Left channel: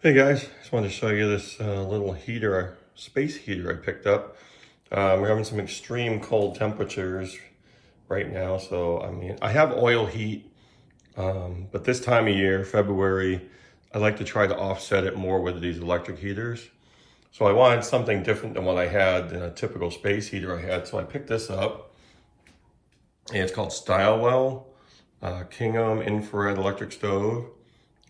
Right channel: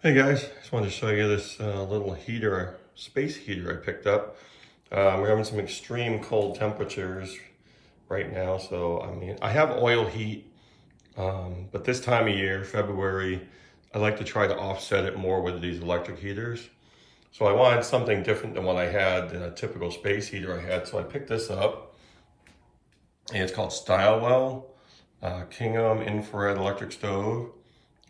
Hey guys, just wanted to show you this little heater, space heater I picked up. We're having some extreme cold temperatures right now, so I mean, I have oil heat, but this time of year, February, I like to try to offset it more with these electric heaters. So I wanted something different than what I had in a typical space heater I had, so I picked this up, and it's called StyleWell, Kingham infrared electric stove.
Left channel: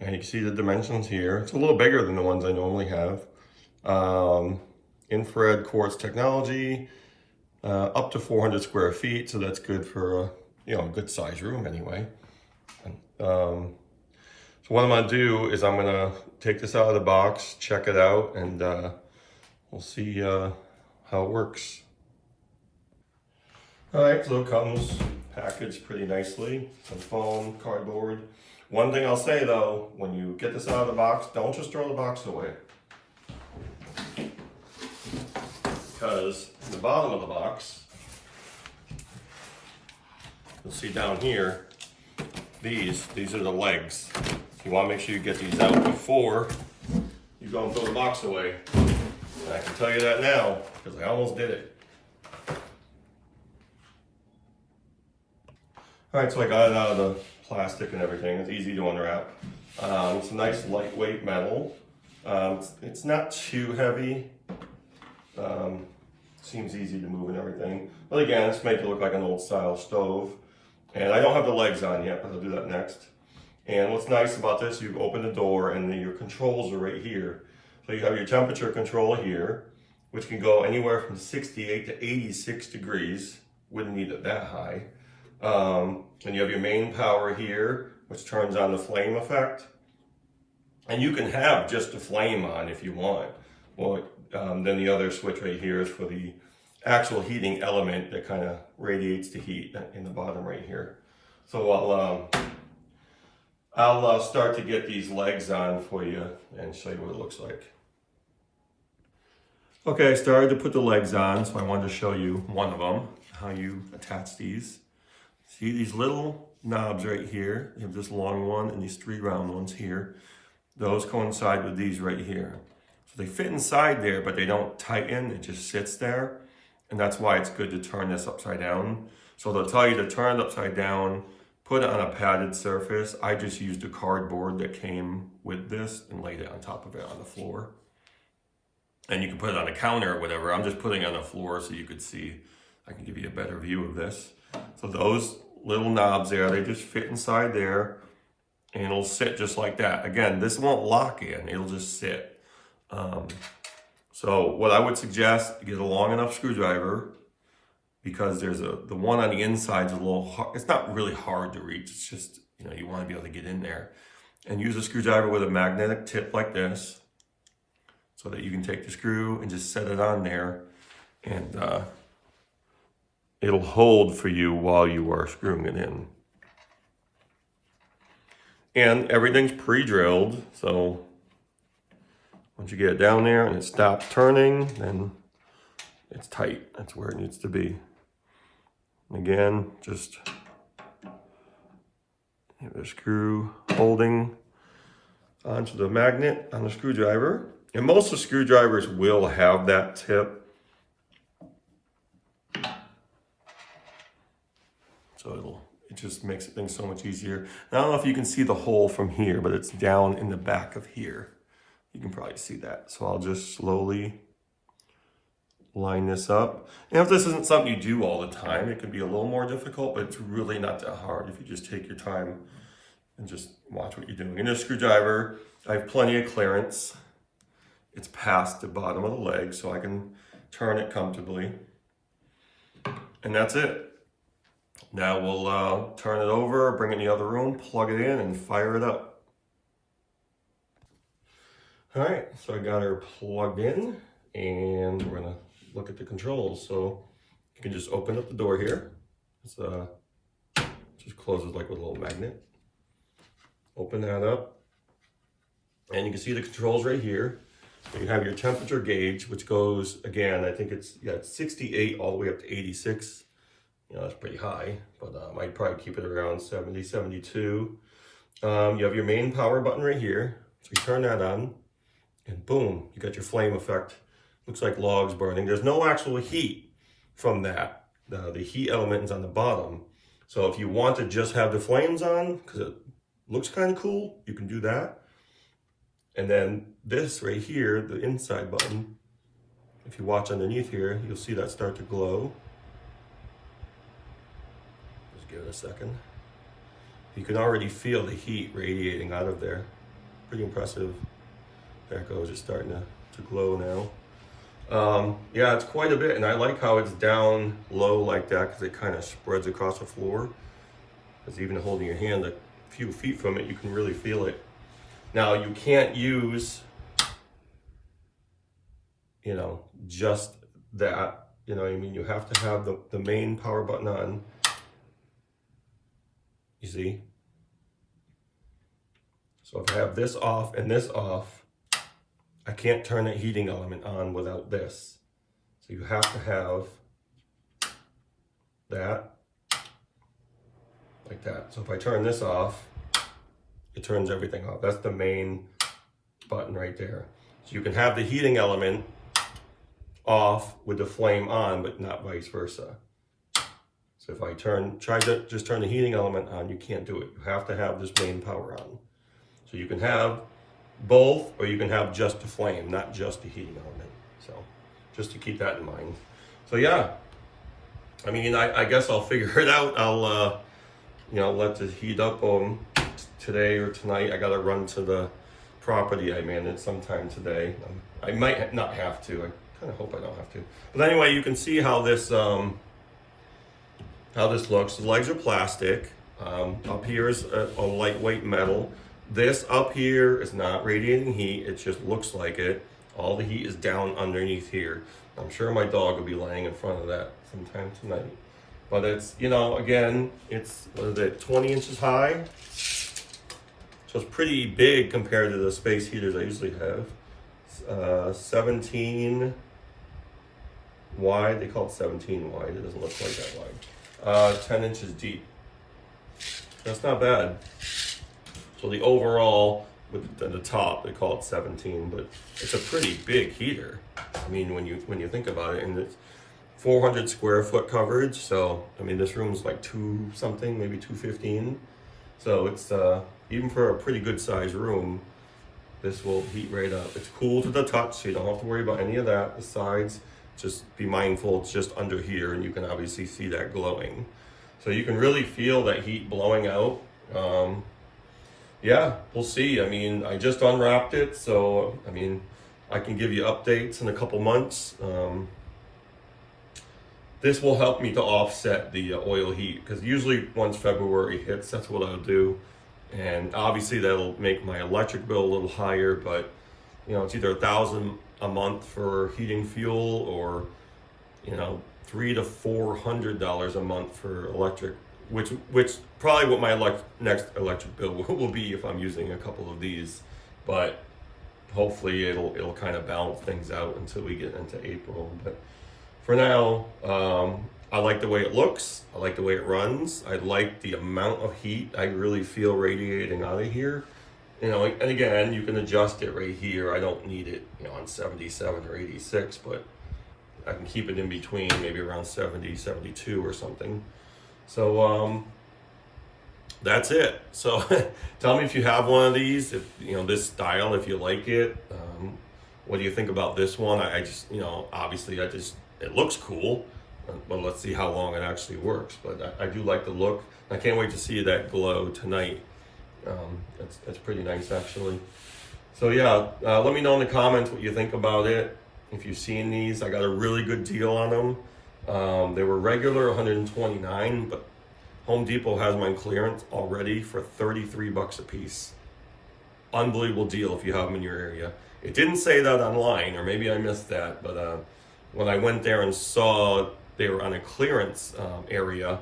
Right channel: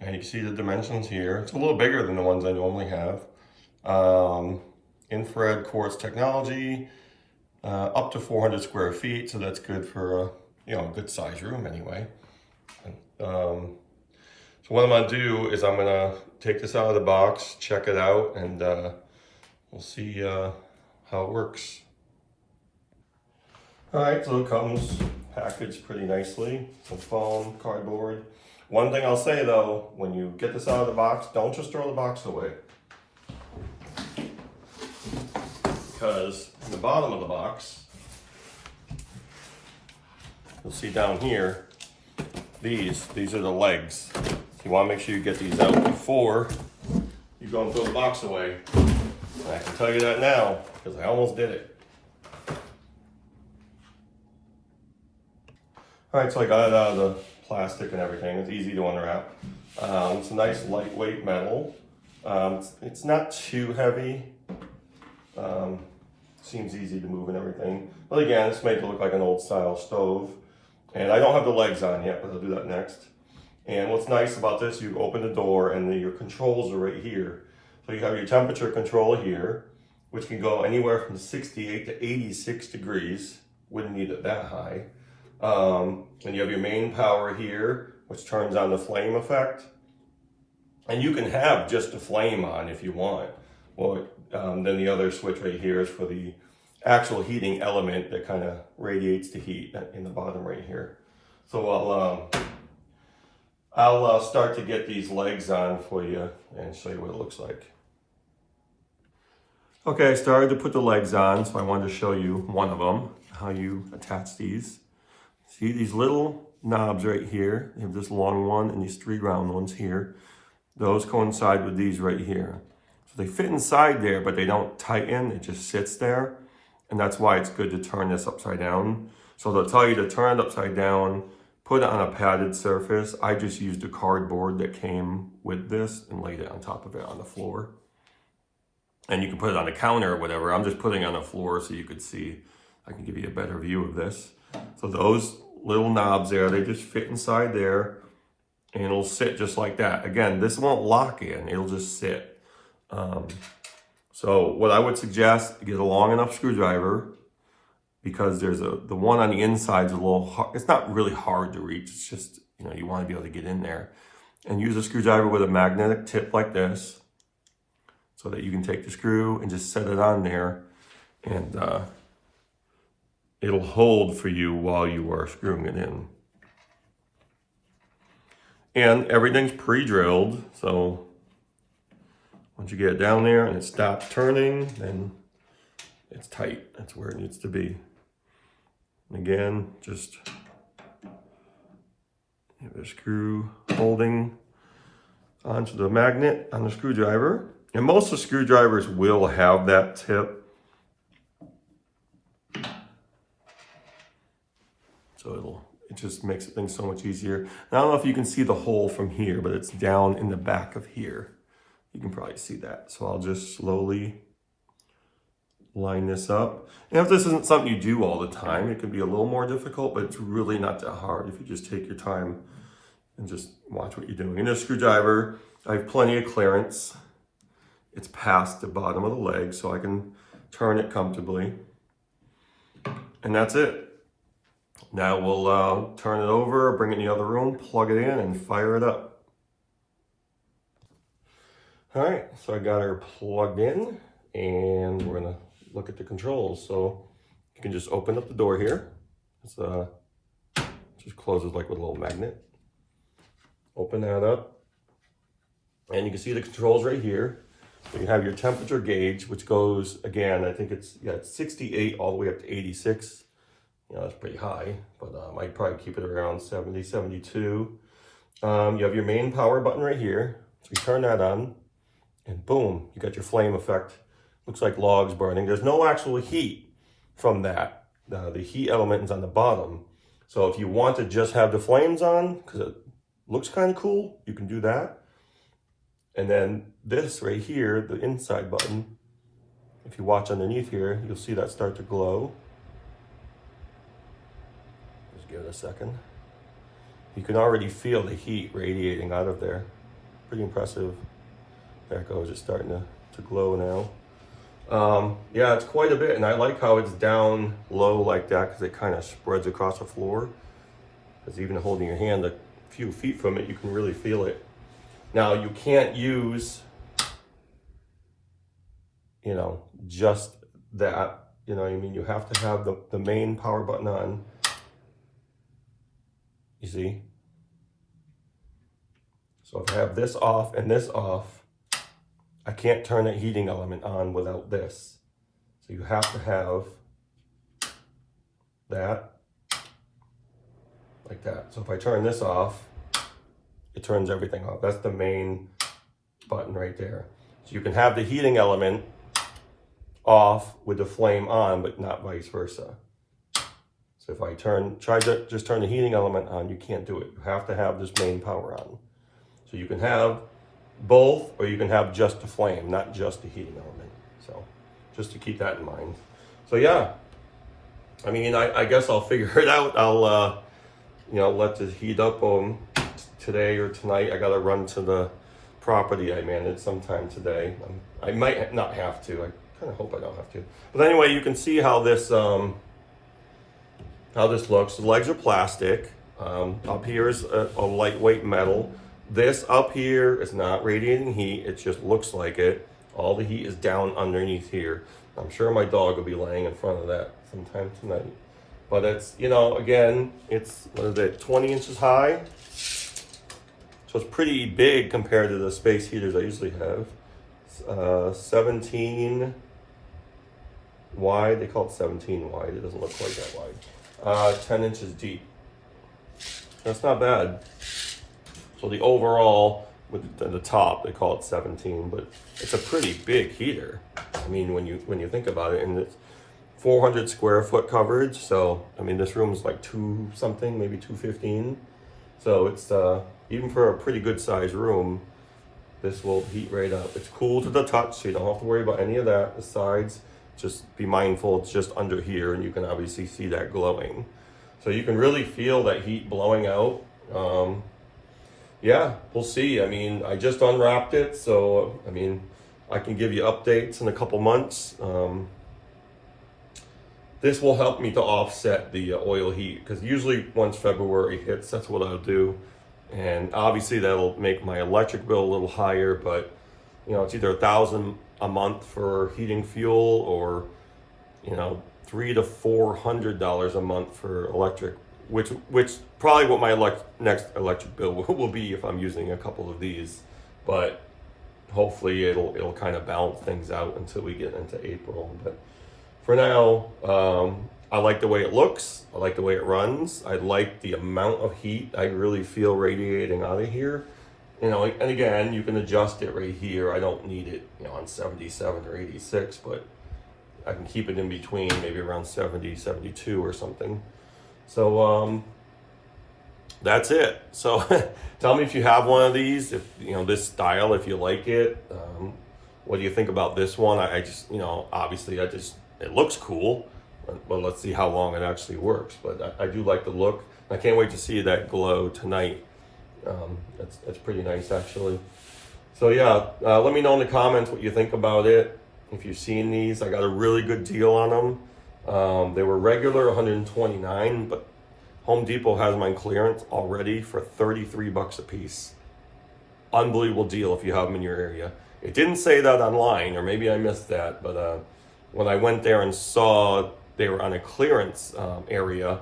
And you can see the dimensions here. It's a little bigger than the ones I normally have. Infrared quartz technology, up to 400 square feet. So that's good for a good size room anyway. So what I'm gonna do is I'm gonna take this out of the box, check it out, and we'll see how it works. All right, so it comes packaged pretty nicely. Some foam, cardboard. One thing I'll say though, when you get this out of the box, don't just throw the box away. Because in the bottom of the box, you'll see down here, these are the legs. You want to make sure you get these out before you go and throw the box away. And I can tell you that now, because I almost did it. All right, so I got it out of the plastic and everything. It's easy to unwrap. It's a nice lightweight metal. It's not too heavy. Seems easy to move and everything. But again, this makes it look like an old style stove. And I don't have the legs on yet, but I'll do that next. And what's nice about this, you open the door and your controls are right here. So you have your temperature control here, which can go anywhere from 68 to 86 degrees. Wouldn't need it that high. And you have your main power here, which turns on the flame effect. And you can have just the flame on if you want. Well, then the other switch right here is for the actual heating element that kind of radiates the heat in the bottom right here. So I'll start to get these legs on for you and show you what it looks like. Okay, I started to put the legs on, so I wanted to show you one of them, how you attach these. See these little knobs right here? You have this long one and these three round ones here. Those coincide with these right here. So they fit inside there, but they don't tighten. It just sits there. And that's why it's good to turn this upside down. So they'll tell you to turn it upside down, put it on a padded surface. I just used a cardboard that came with this and laid it on top of it on the floor. And you can put it on the counter or whatever. I'm just putting it on the floor so you could see. I can give you a better view of this. So those little knobs there, they just fit inside there and it'll sit just like that. Again, this won't lock in, it'll just sit. So what I would suggest, get a long enough screwdriver, because there's the one on the inside is a little hard. It's not really hard to reach. It's just, you want to be able to get in there. And use a screwdriver with a magnetic tip like this so that you can take the screw and just set it on there, and it'll hold for you while you are screwing it in. And everything's pre-drilled, so once you get it down there and it stops turning, then it's tight. That's where it needs to be. And again, just have the screw holding onto the magnet on the screwdriver. And most of the screwdrivers will have that tip. So it just makes things so much easier. And I don't know if you can see the hole from here, but it's down in the back of here. You can probably see that. So I'll just slowly line this up. And if this isn't something you do all the time, it can be a little more difficult, but it's really not that hard if you just take your time and just watch what you're doing. And a screwdriver, I have plenty of clearance. It's past the bottom of the leg, so I can turn it comfortably. And that's it. Now we'll turn it over, bring it in the other room, plug it in, and fire it up. All right, so I got her plugged in, and we're gonna look at the controls. So you can just open up the door here. It's just closes like with a little magnet. Open that up, and you can see the controls right here. So you have your temperature gauge, which goes, again, I think it's 68 all the way up to 86. That's pretty high, but I'd probably keep it around 70, 72. You have your main power button right here. So you turn that on. and boom, you got your flame effect. Looks like logs burning. There's no actual heat from that. The heat element is on the bottom. So if you want to just have the flames on, because it looks kind of cool, you can do that. And then this right here, the inside button, if you watch underneath here, you'll see that start to glow. Just give it a second. You can already feel the heat radiating out of there. Pretty impressive. There it goes, it's starting to glow now. Yeah, it's quite a bit, and I like how it's down low like that because it kind of spreads across the floor. Because even holding your hand a few feet from it, you can really feel it. Now, you can't use, you know, just that, you know what I mean? You have to have the main power button on, you see? So if I have this off and this off, I can't turn that heating element on without this. So you have to have that, like that. So if I turn this off, it turns everything off. That's the main button right there. So you can have the heating element off with the flame on, but not vice versa. So if I try to just turn the heating element on, you can't do it. You have to have this main power on. So you can have both, or you can have just the flame, not just the heating element. So just to keep that in mind. So yeah, I mean, I guess I'll figure it out. I'll, you know, let this heat up today or tonight. I gotta run to the property I manage sometime today. I might not have to. I kind of hope I don't have to. But anyway, you can see how this looks. The legs are plastic. Up here is a lightweight metal. This up here is not radiating heat. It just looks like it. All the heat is down underneath here. I'm sure my dog will be laying in front of that sometime tonight. But it's, you know, again, it's, what is it, 20 inches high? So it's pretty big compared to the space heaters I usually have. 17 wide. They call it 17 wide. It doesn't look quite that wide. 10 inches deep. That's not bad. So the overall, with the top, they call it 17, but it's a pretty big heater. I mean, when you think about it, and it's 400 square foot coverage. So, I mean, this room is like 2 something, maybe 215. So it's, even for a pretty good sized room, this will heat right up. It's cool to the touch, so you don't have to worry about any of that. The sides, just be mindful, it's just under here, and you can obviously see that glowing. So you can really feel that heat blowing out. Yeah, we'll see. I mean, I just unwrapped it, so, I mean, I can give you updates in a couple months. This will help me to offset the oil heat, because usually once February hits, that's what I'll do. And obviously that'll make my electric bill a little higher, but, you know, it's either $1,000 a month for heating fuel, or, you know, $300 to $400 a month for electric, which probably what my next electric bill will be if I'm using a couple of these. But hopefully it'll kind of balance things out until we get into April. But for now, I like the way it looks. I like the way it runs. I like the amount of heat I really feel radiating out of here. You know, and again, you can adjust it right here. I don't need it, you know, on 77 or 86, but I can keep it in between, maybe around 70, 72 or something. So that's it. So tell me if you have one of these, if you know this style, if you like it. What do you think about this one? I just, you know, obviously it looks cool, but let's see how long it actually works. But I do like the look. I can't wait to see that glow tonight. It's pretty nice actually. So yeah, let me know in the comments what you think about it. If you've seen these, I got a really good deal on them. They were regular $129, but Home Depot has mine clearance already for $33 a piece. Unbelievable deal if you have them in your area. It didn't say that online, or maybe I missed that, but when I went there and saw they were on a clearance area,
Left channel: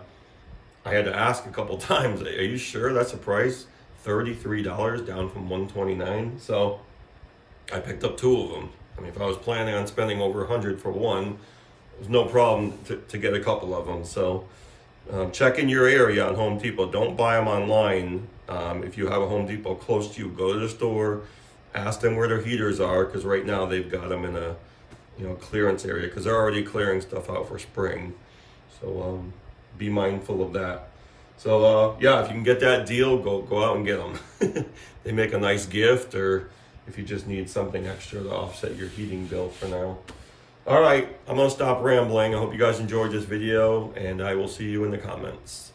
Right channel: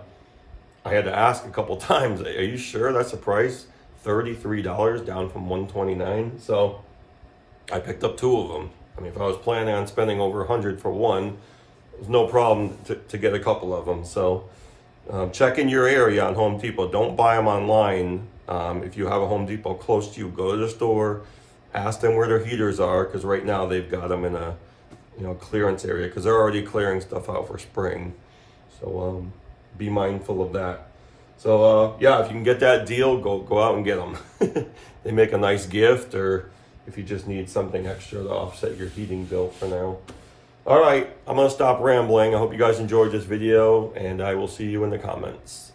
I had to ask a couple times, are you sure that's the price? $33 down from $129. So I picked up 2 of them. I mean, if I was planning on spending over $100 for one, there's no problem to get a couple of them. So check in your area on Home Depot. Don't buy them online. If you have a Home Depot close to you, go to the store, ask them where their heaters are, because right now they've got them in a clearance area, because they're already clearing stuff out for spring. So be mindful of that. So yeah, if you can get that deal, go out and get them. They make a nice gift, or if you just need something extra to offset your heating bill for now. All right, I'm gonna stop rambling. I hope you guys enjoyed this video, and I will see you in the comments.